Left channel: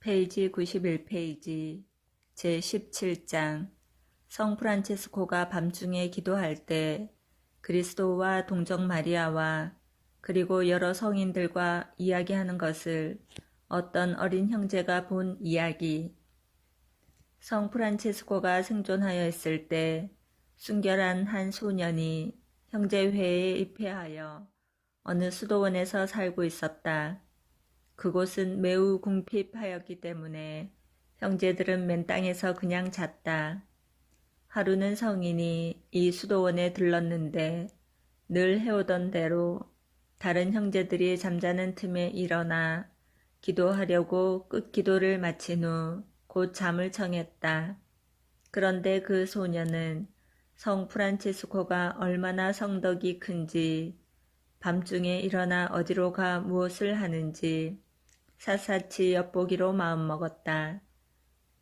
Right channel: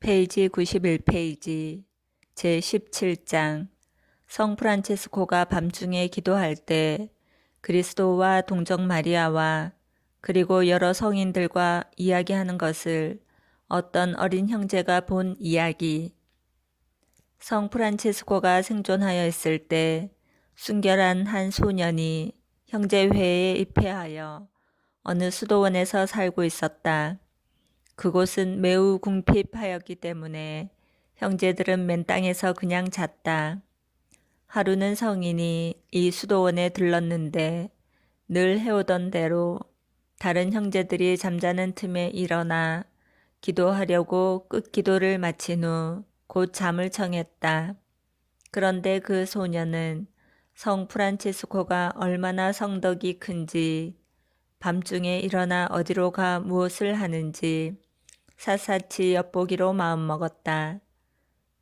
페이지 91페이지 제17장 성 프란체스코가 밤중에 기도할 때 그리스도와 동정 마리아와 그리고 여러 성인들과 이야기하는 것을 어떤 어린 형제가 본 이야기. 성 프란체스코가 생존하여 있을 때 순결한 한 소년이 형제회에 입회하여 어느 수도원에서 살고 있었다. 그곳은 매우 궁핍하였기 때문에 형제들은 맨 땅에서 그냥 잤다. 하루는 성인이 이 수도원에 들렀는데 늘 해오던 대로 다른 형제들이 잠자는 틈에 일어나 기도하려고 끝기도를 마친 후 곧 잠을 청했다. 그런데 그 소녀는 성 프란체스코가 얼마나 성덕이 큰지, 밤중에 일어나 어디로 가 무엇을 하는지 샅샅이 엿보기로 마음먹었다.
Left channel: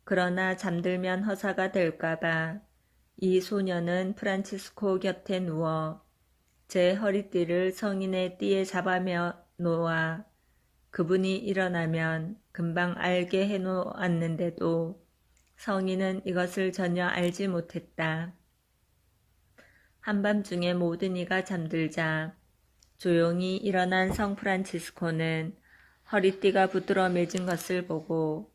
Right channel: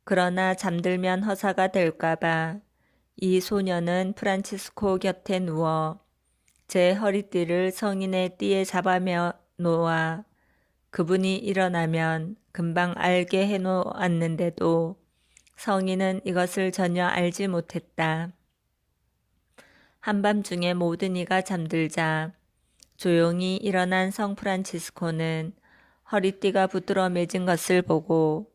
그러나 잠들면 허사가 될까봐 이 소녀는 프란치스코 곁에 누워 제 허리띠를 성인의 띠에 잡아며 놓아 그분이 일어나면 금방 알게 해놓았는데도 성인은 이것을 전혀 알지 못했다. 한밤중에 모든 이가 잠들자 조용히 일어난 성 프란치스코는 허리띠가 붙들어 매진 것을 보고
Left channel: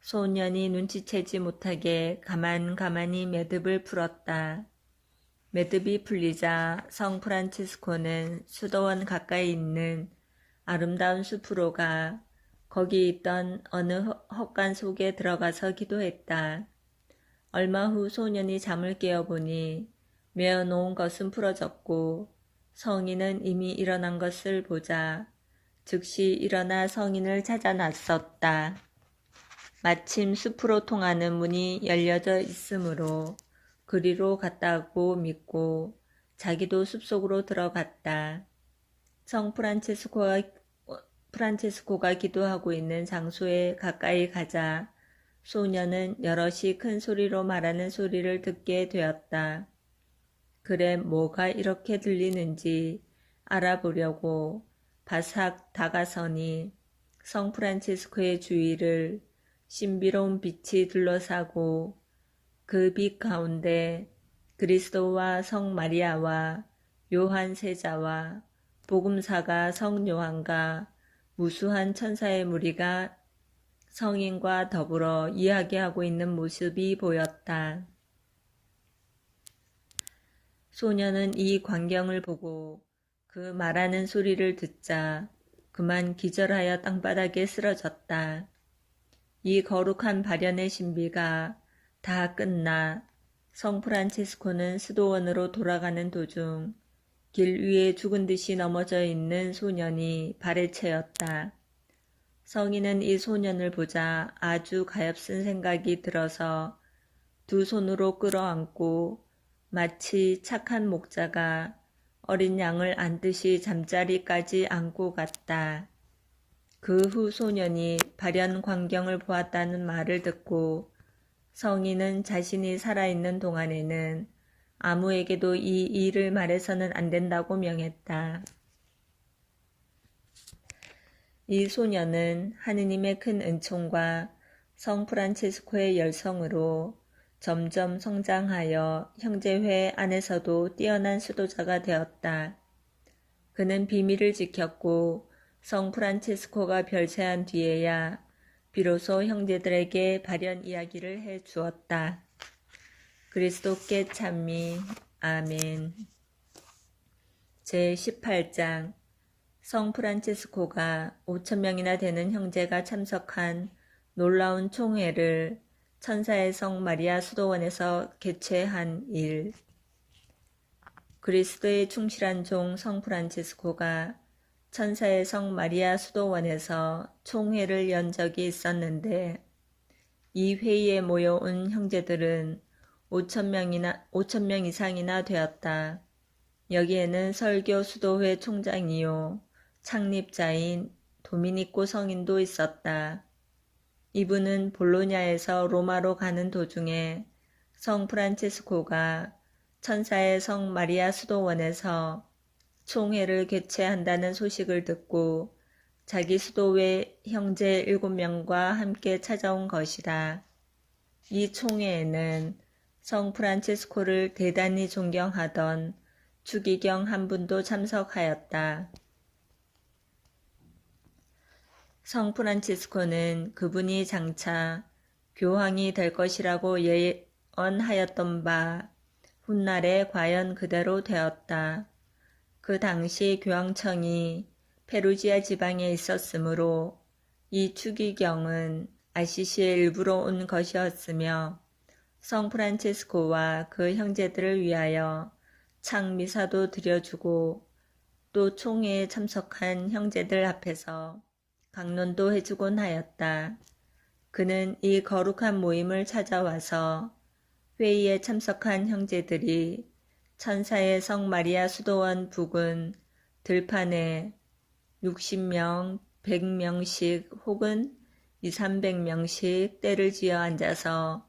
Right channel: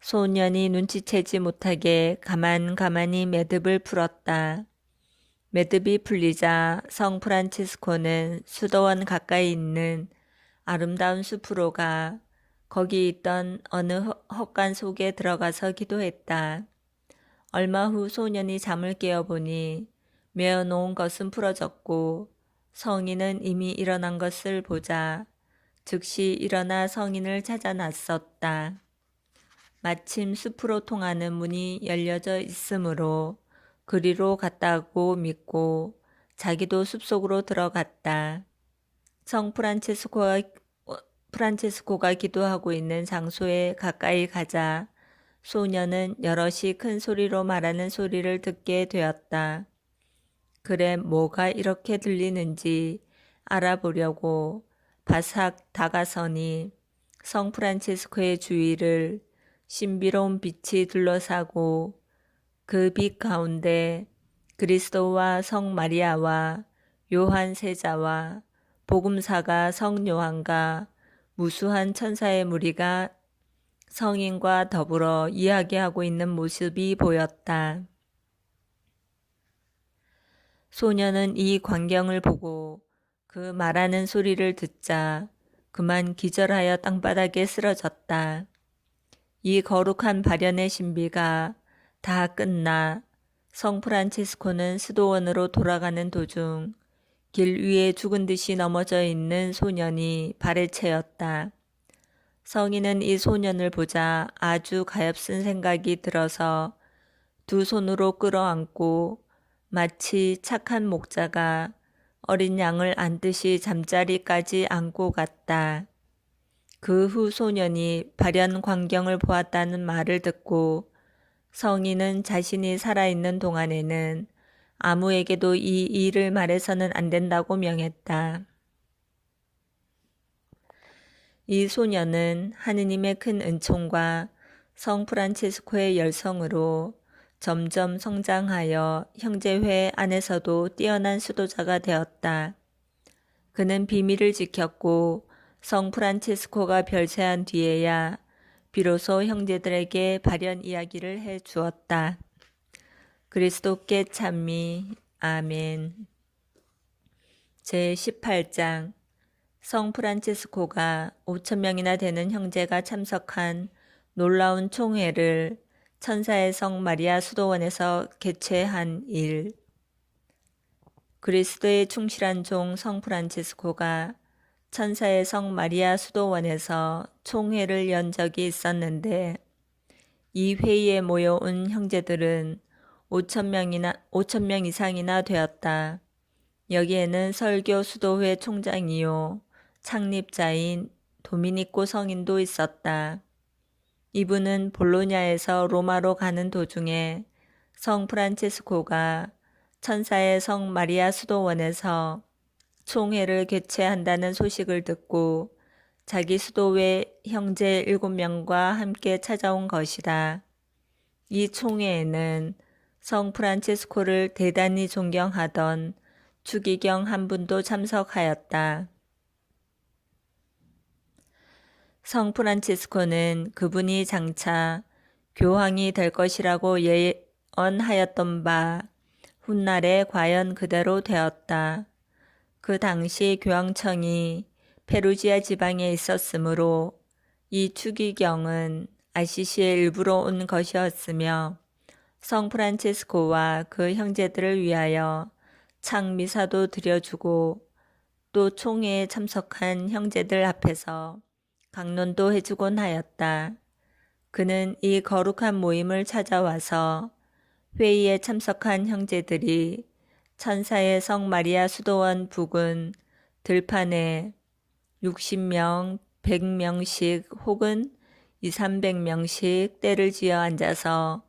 소년이 눈치채지 못하게 가만히 매듭을 풀었다. 매듭이 풀리자 성 프란치스코는 수도원 가까이 있는 아름다운 숲으로 가 거기 있던 어느 헛간 속에 들어가서 기도했다. 얼마 후 소년이 잠을 깨어보니 메어놓은 것은 풀어졌고 성인은 이미 일어난 것을 보자 즉시 일어나 성인을 찾아 나섰다. 마침 숲으로 통하는 문이 열려져 있으므로 그리로 갔다고 믿고 자기도 숲속으로 들어갔다. 성 프란체스코가 기도하고 있는 장소에 가까이 가자 소녀는 여럿이 큰 소리로 말하는 소리를 듣게 되었다. 그래 뭐가 이렇게 들리는지 알아보려고 바삭 다가서니 성 프란체스코의 주위를 신비로운 빛이 둘러싸고 그 빛 가운데 그리스도와 성 마리아와 요한 세자와 복음사가 성 요한과 무수한 천사의 무리가 성인과 더불어 이야기하고 있는 모습이 보였다. 소녀는 이 광경을 보고 그 말하는 소리를 듣자 그만 기절하여 땅바닥에 쓰러졌다. 이 거룩한 발현의 신비가 다 끝나 성 프란치스코는 수도원으로 돌아가는 도중 길 위에 죽은 듯이 넘어져 있는 소년이 발에 채였다. 성인은 이 소년을 보자 아주 가엾은 생각이 들어서 두 손으로 끌어안고 마치 착한 목자가 어린 양을 안듯이 잠자리까지 안고 갔다. 그 후 소년이 발현 광경을 보았다는 말을 듣고 성인은 자신이 살아있는 동안에는 아무에게도 이 일을 말해서는 안 된다고 명했다. 이 소년은 하느님의 큰 은총과 성 프란체스코의 열성으로 점점 성장하여 형제회 안에서도 뛰어난 수도자가 되었다. 그는 비밀을 지켰고 성 프란체스코가 별세한 뒤에야 비로소 형제들에게 발현 이야기를 해 주었다. 그리스도께 찬미. 아멘. 제18장 성 프란체스코가 5,000명이나 되는 형제가 참석한 놀라운 총회를 천사의 성 마리아 수도원에서 개최한 일. 그리스도의 충실한 종 성 프란체스코가 천사의 성 마리아 수도원에서 총회를 연 적이 있었는데 이 회의에 모여온 형제들은 5,000명 이상이나 되었다. 여기에는 설교 수도회 총장이요 창립자인 도미니코 성인도 있었다. 이분은 볼로냐에서 로마로 가는 도중에 성 프란체스코가 천사의 성 마리아 수도원에서 총회를 개최한다는 소식을 듣고 자기 수도회 형제 7명과 함께 찾아온 것이다. 이 총회에는 성 프란치스코를 대단히 존경하던 추기경 한 분도 참석하였다. 성 프란치스코는 그분이 장차 교황이 될 것이라고 예언하였던 바 훗날에 과연 그대로 되었다. 그 당시 교황청이 페루지아 지방에 있었으므로 이 추기경은 아시시의 일부로 온 것이었으며 성 프란치스코와 그 형제들을 위하여 창미사도 드려주고 또 총회에 참석한 형제들 앞에서 강론도 해주곤 하였다. 그는 이 거룩한 모임을 찾아와서 회의에 참석한 형제들이 천사의 성 마리아 수도원 부근 들판에 60명, 100명씩 혹은 200~300명씩 때를 지어 앉아서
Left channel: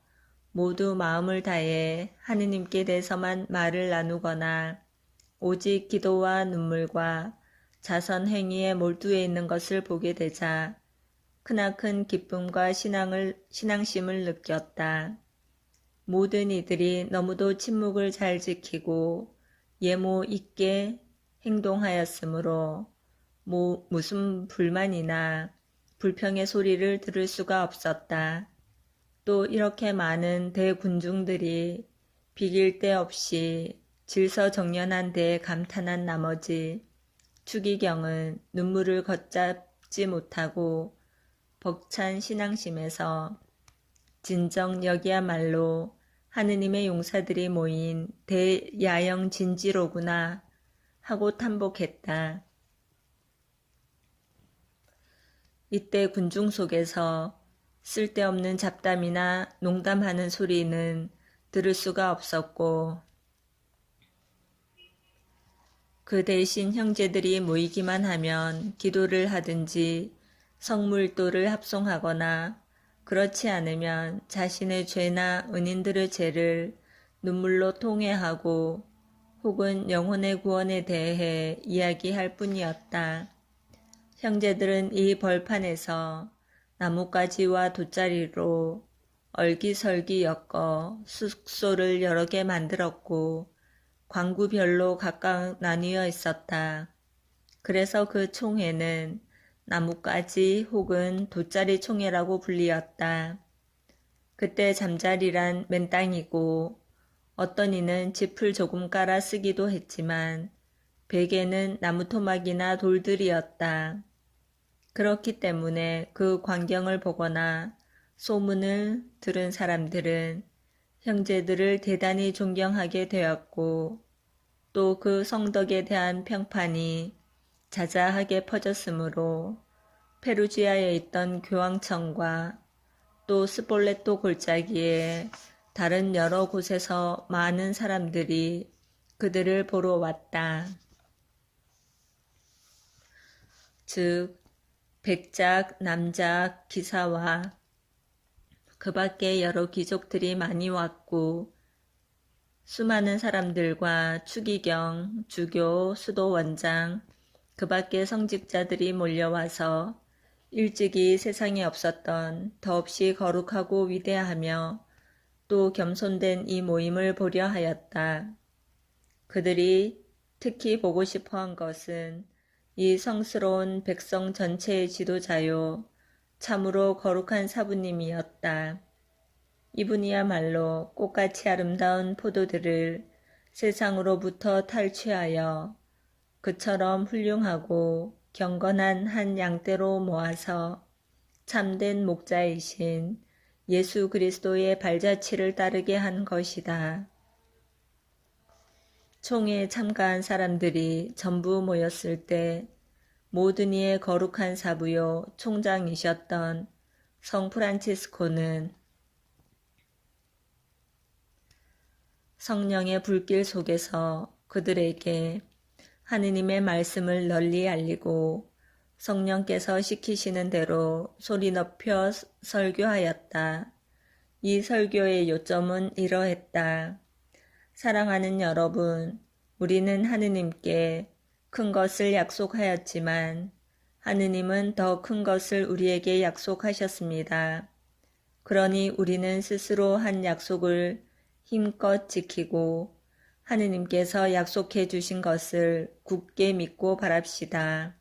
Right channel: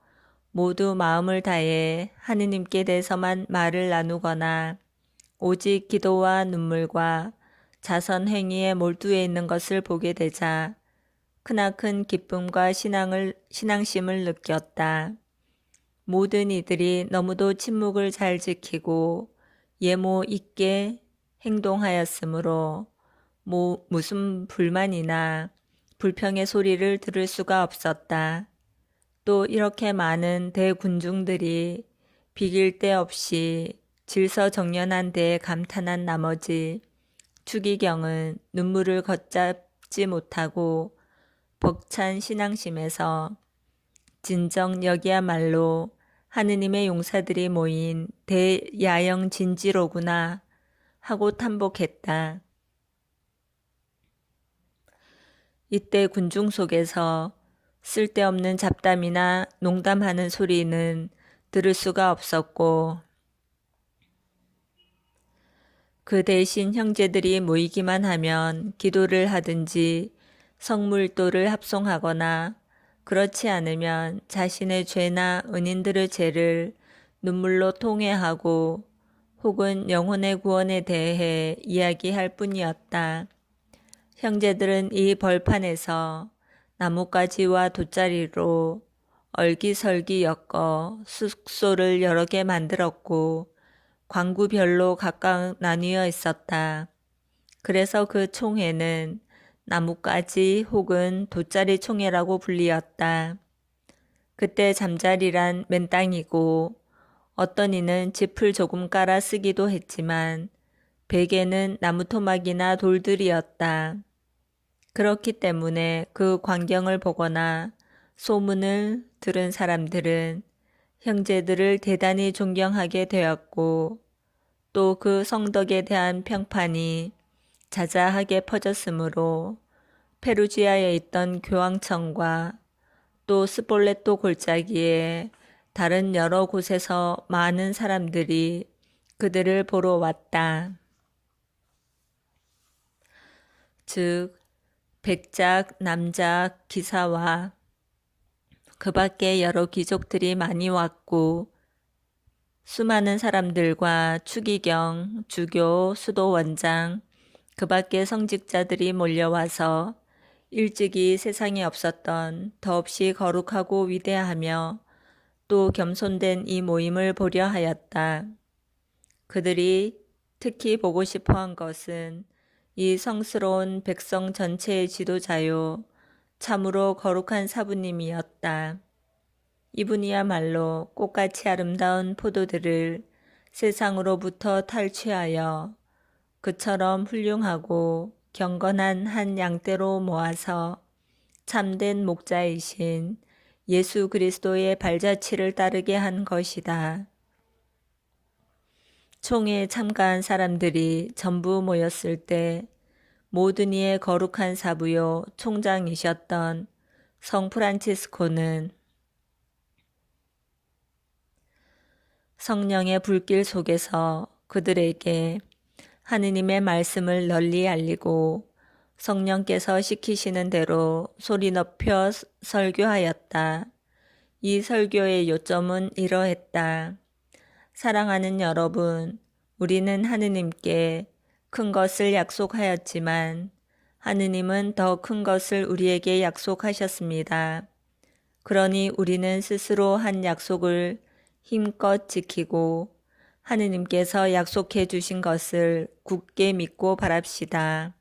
모두 마음을 다해 하느님께 대해서만 말을 나누거나 오직 기도와 눈물과 자선 행위에 몰두해 있는 것을 보게 되자 크나큰 기쁨과 신앙심을 느꼈다. 모든 이들이 너무도 침묵을 잘 지키고 예모 있게 행동하였으므로 무슨 불만이나 불평의 소리를 들을 수가 없었다. 또 이렇게 많은 대군중들이 비길 데 없이 질서정연한 데에 감탄한 나머지 추기경은 눈물을 걷잡지 못하고 벅찬 신앙심에서 진정 여기야말로 하느님의 용사들이 모인 대야영 진지로구나 하고 탐복했다. 이때 군중 속에서 쓸데없는 잡담이나 농담하는 소리는 들을 수가 없었고 그 대신 형제들이 모이기만 하면 기도를 하든지 성물도를 합송하거나 그렇지 않으면 자신의 죄나 은인들의 죄를 눈물로 통회하고 혹은 영혼의 구원에 대해 이야기할 뿐이었다. 형제들은 이 벌판에서 나뭇가지와 돗자리로 얼기설기 엮어 숙소를 여러 개 만들었고 관구별로 각각 나뉘어 있었다. 그래서 그 총회는 나뭇가지 혹은 돗자리 총회라고 불리었다. 그때 잠자리란 맨땅이고 어떤 이는 짚을 조금 깔아 쓰기도 했지만 베개는 나무토막이나 돌들이었다. 그렇기 때문에 그 광경을 보거나 소문을 들은 사람들은 형제들을 대단히 존경하게 되었고 또 그 성덕에 대한 평판이 자자하게 퍼졌으므로 페루지아에 있던 교황청과 또 스폴레토 골짜기에 다른 여러 곳에서 많은 사람들이 그들을 보러 왔다. 즉 백작, 남작, 기사와 그 밖에 여러 귀족들이 많이 왔고 수많은 사람들과 추기경, 주교, 수도원장, 그 밖에 성직자들이 몰려와서 일찍이 세상에 없었던 더없이 거룩하고 위대하며 또 겸손된 이 모임을 보려 하였다. 그들이 특히 보고 싶어 한 것은 이 성스러운 백성 전체의 지도자요 참으로 거룩한 사부님이었다. 이분이야말로 꽃같이 아름다운 포도들을 세상으로부터 탈취하여 그처럼 훌륭하고 경건한 한 양떼로 모아서 참된 목자이신 예수 그리스도의 발자취를 따르게 한 것이다. 총회에 참가한 사람들이 전부 모였을 때 모든 이의 거룩한 사부요 총장이셨던 성 프란치스코는 성령의 불길 속에서 그들에게 하느님의 말씀을 널리 알리고 성령께서 시키시는 대로 소리 높여 설교하였다. 이 설교의 요점은 이러했다. 사랑하는 여러분, 우리는 하느님께 큰 것을 약속하였지만 하느님은 더 큰 것을 우리에게 약속하셨습니다. 그러니 우리는 스스로 한 약속을 힘껏 지키고 하느님께서 약속해 주신 것을 굳게 믿고 바랍시다.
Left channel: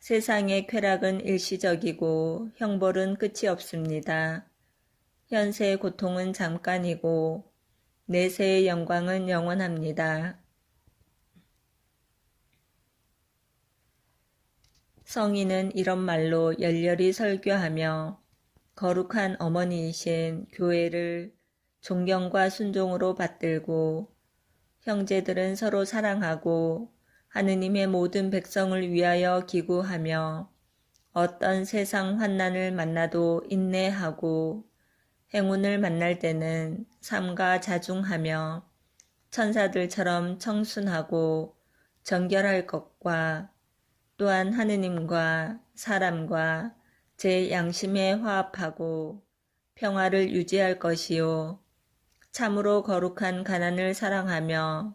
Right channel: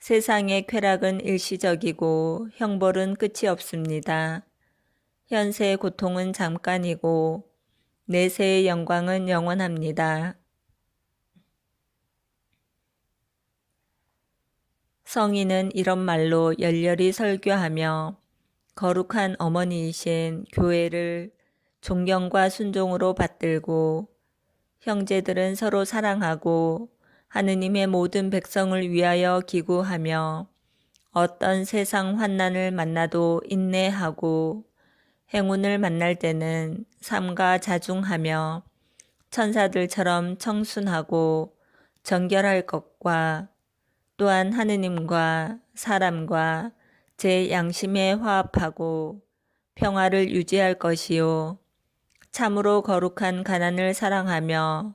세상의 쾌락은 일시적이고 형벌은 끝이 없습니다. 현세의 고통은 잠깐이고 내세의 영광은 영원합니다. 성인은 이런 말로 열렬히 설교하며 거룩한 어머니이신 교회를 존경과 순종으로 받들고 형제들은 서로 사랑하고 하느님의 모든 백성을 위하여 기구하며 어떤 세상 환난을 만나도 인내하고 행운을 만날 때는 삼가 자중하며 천사들처럼 청순하고 정결할 것과 또한 하느님과 사람과 제 양심에 화합하고 평화를 유지할 것이요. 참으로 거룩한 가난을 사랑하며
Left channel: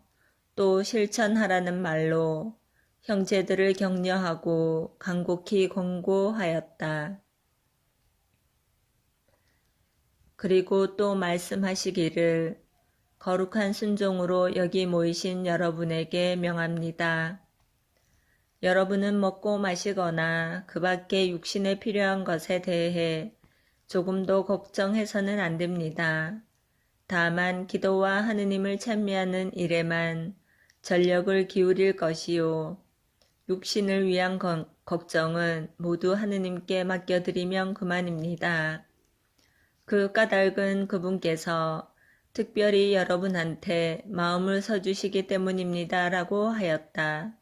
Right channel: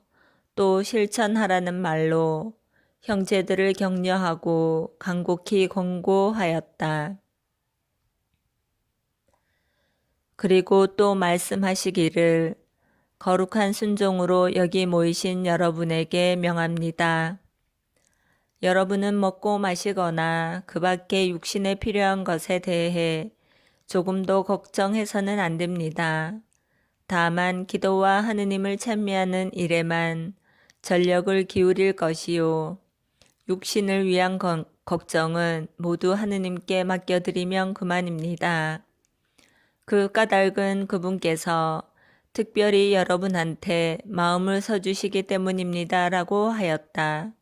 또 실천하라는 말로 형제들을 격려하고 간곡히 권고하였다. 그리고 또 말씀하시기를 거룩한 순종으로 여기 모이신 여러분에게 명합니다. 여러분은 먹고 마시거나 그 밖에 육신에 필요한 것에 대해 조금도 걱정해서는 안 됩니다. 다만 기도와 하느님을 찬미하는 일에만 전력을 기울일 것이요. 육신을 위한 걱정은 모두 하느님께 맡겨드리면 그만입니다. 그 까닭은 그분께서 특별히 여러분한테 마음을 써주시기 때문입니다. 라고 하였다.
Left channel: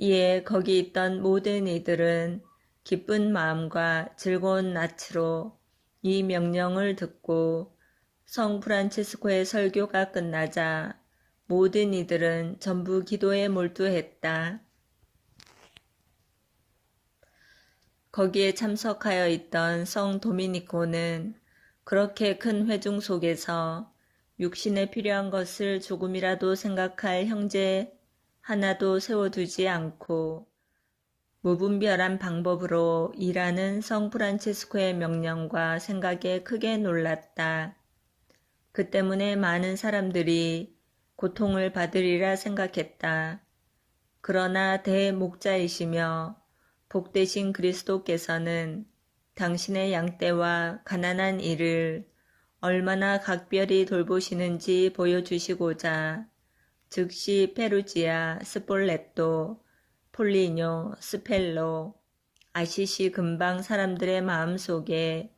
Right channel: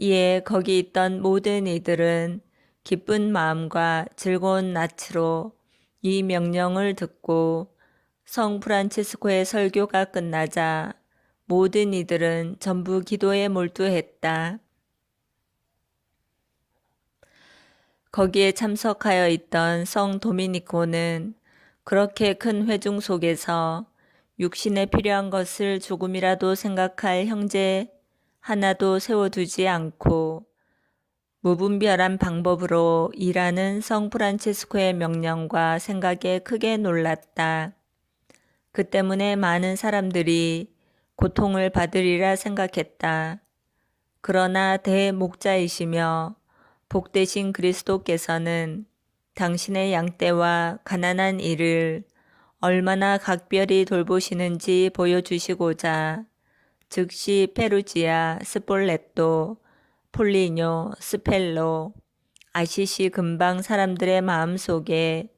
이에 거기 있던 모든 이들은 기쁜 마음과 즐거운 낯으로 이 명령을 듣고 성 프란치스코의 설교가 끝나자 모든 이들은 전부 기도에 몰두했다. 거기에 참석하여 있던 성 도미니코는 그렇게 큰 회중 속에서 육신에 필요한 것을 조금이라도 생각할 형제 하나도 세워두지 않고 무분별한 방법으로 일하는 성 프란치스코의 명령과 생각에 크게 놀랐다. 그 때문에 많은 사람들이 고통을 받으리라 생각했다. 그러나 대목자이시며 복되신 그리스도께서는 당신의 양떼와 가난한 이를 얼마나 각별히 돌보시는지 보여주시고자 즉시 페루지아, 스폴레토, 폴리뇨, 스펠로, 아시시 근방 사람들의 마음속에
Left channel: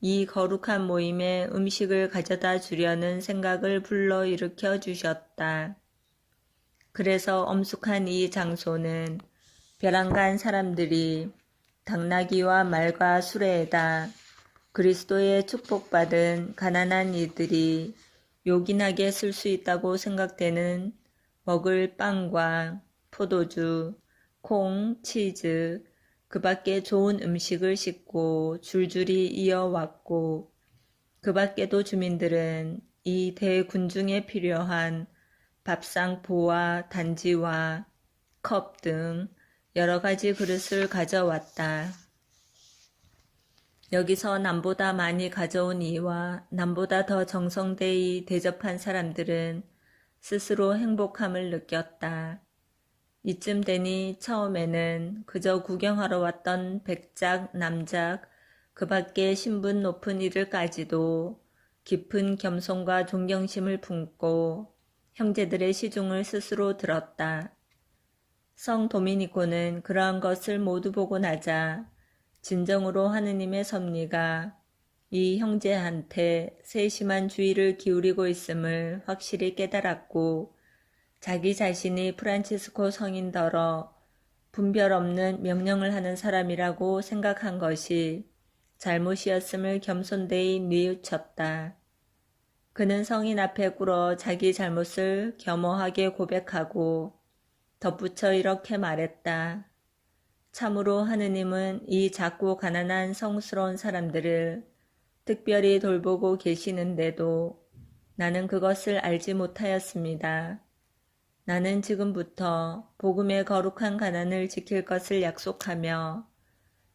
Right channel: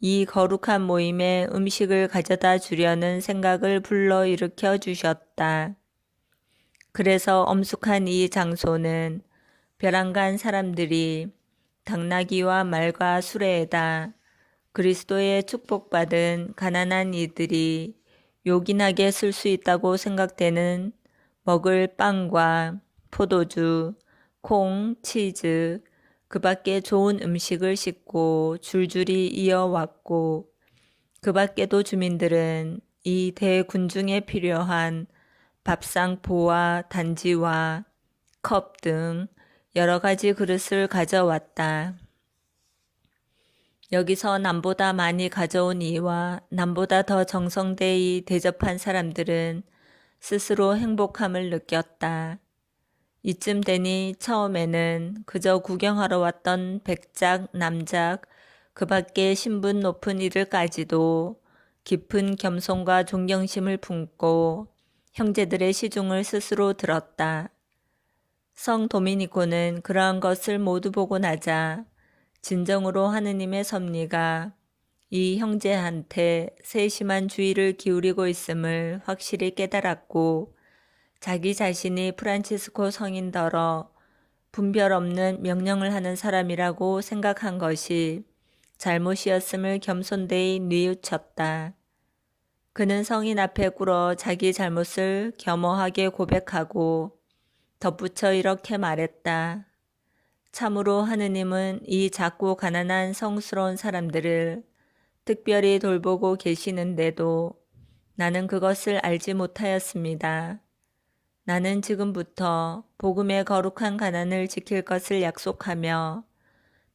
이 거룩한 모임에 음식을 가져다 주려는 생각을 불러일으켜 주셨다. 그래서 엄숙한 이 장소는 벼랑간 사람들이 당나귀와 말과 수레에다 그리스도의 축복받은 가난한 이들이 요긴하게 쓸 수 있다고 생각되는 먹을 빵과 포도주, 콩, 치즈, 그 밖에 좋은 음식을 싣고 줄줄이 이어왔고 그 밖에도 주민들은 이 대군중에 필요한 밥상포와 단지와 컵 등 여러 가지 그릇을 가져왔다. 여기서 남보다 많이 가져온 이와 남보다 더 정성되이 대접한 사람들은 스스로 행복함을 느꼈다. 이쯤 되니 처음에는 그저 구경하러 왔던 백작, 남작, 그 밖에 신분 높은 이들까지도 깊은 겸손과 존경심을 품고 형제들의 시중을 스스로 들었다. 성 도미니코는 그러한 것을 모두 보고 나자 진정으로 하느님의 섭리가 이 형제한테 세심한 주의를 기울이고 있음을 확실히 깨달았고 자기 자신이 프란치스코 성인더러 분별 없는 명령을 하는 사람이라고 생각한 것이 잘못이었음을 겸손되이 뉘우쳤다. 그는 성인 앞에 꿇어 자기 잘못을 겸허하게 고백하고 덧붙여 이렇게 말했다. 참으로 하느님은 이 작고 가난한 성스러운 사람들을 특별히 돌보고 계시는데도 나는 그것을 알지 못하였습니다. 나는 지금부터 복음의 거룩한 가난을 지킬 것을 약속하며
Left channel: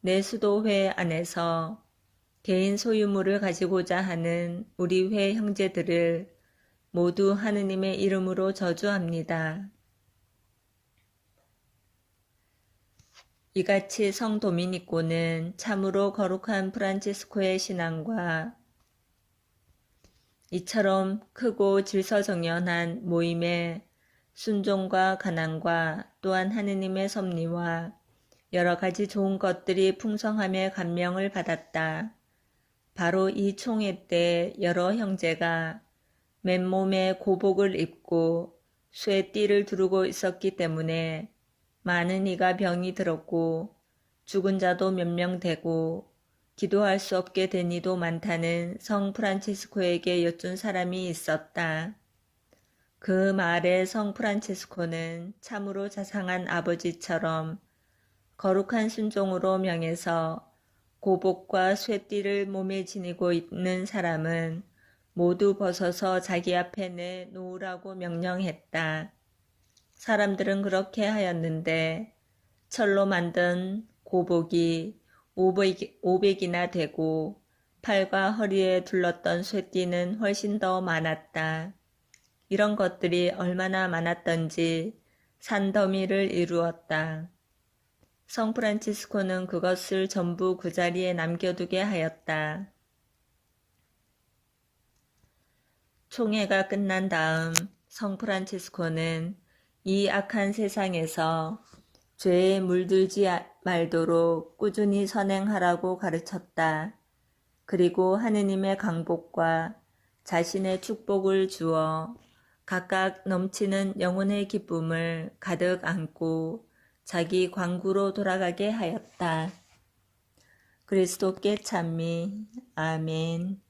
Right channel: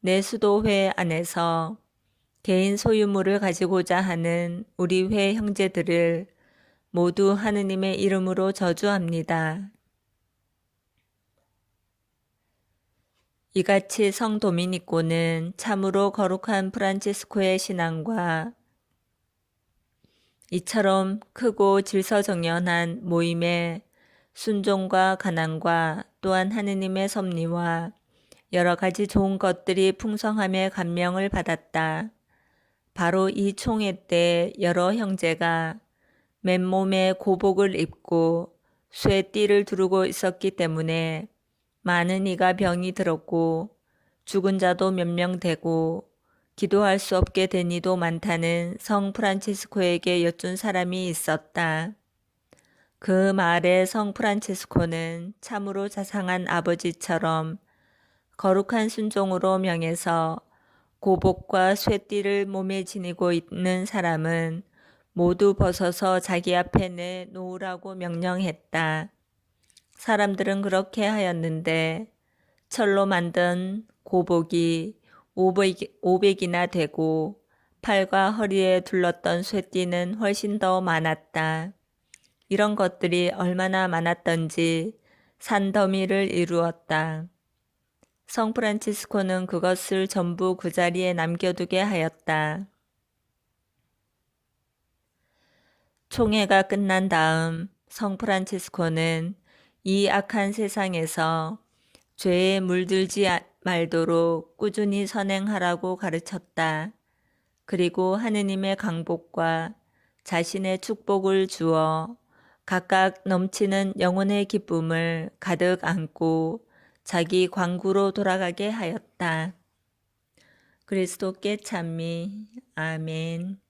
내 수도회 안에서 개인 소유물을 가지고자 하는 우리 회 형제들을 모두 하느님의 이름으로 저주합니다. 이같이 성 도미니코는 참으로 거룩한 프란치스코의 신앙과 이처럼 크고 질서정연한 모임의 순종과 가난과 또한 하느님의 섭리와 여러 가지 좋은 것들이 풍성함에 감명을 받았다. 바로 이 총회 때 여러 형제가 맨몸에 고복을 입고 쇠띠를 두르고 있었기 때문에 많은 이가 병이 들었고 죽은 자도 몇 명 되고 기도할 수 없게 된 이도 많다는 성 프란치스코에게 여쭌 사람이 있었다. 그 말에 성 프란치스코는 참으로 자상한 아버지처럼 거룩한 순종으로 명해서 고복과 쇠띠를 몸에 지니고 있는 사람은 모두 벗어서 자기 앞에 내놓으라고 명령했다. 사람들은 그렇게 하였는데 철로 만든 고복이 500이나 되고 팔과 허리에 둘렀던 쇠띠는 훨씬 더 많았다. 이런 것들이 얼마나 많았던지 산더미를 이루었다. 성 프란치스코는 그것을 전부 그 자리에 남겨두게 하였다. 총회가 끝난 다음 성 프란치스코는 이 악한 세상에서 죄에 물들지 말도록 꾸준히 선행하라고 가르쳤다. 그리고 하느님의 강복과 자신의 축복을 주어 각각 넘치는 영혼의 기쁨을 가득 안고 자기 광구로 돌아가게 하였다. 그리스도께 찬미. 아멘.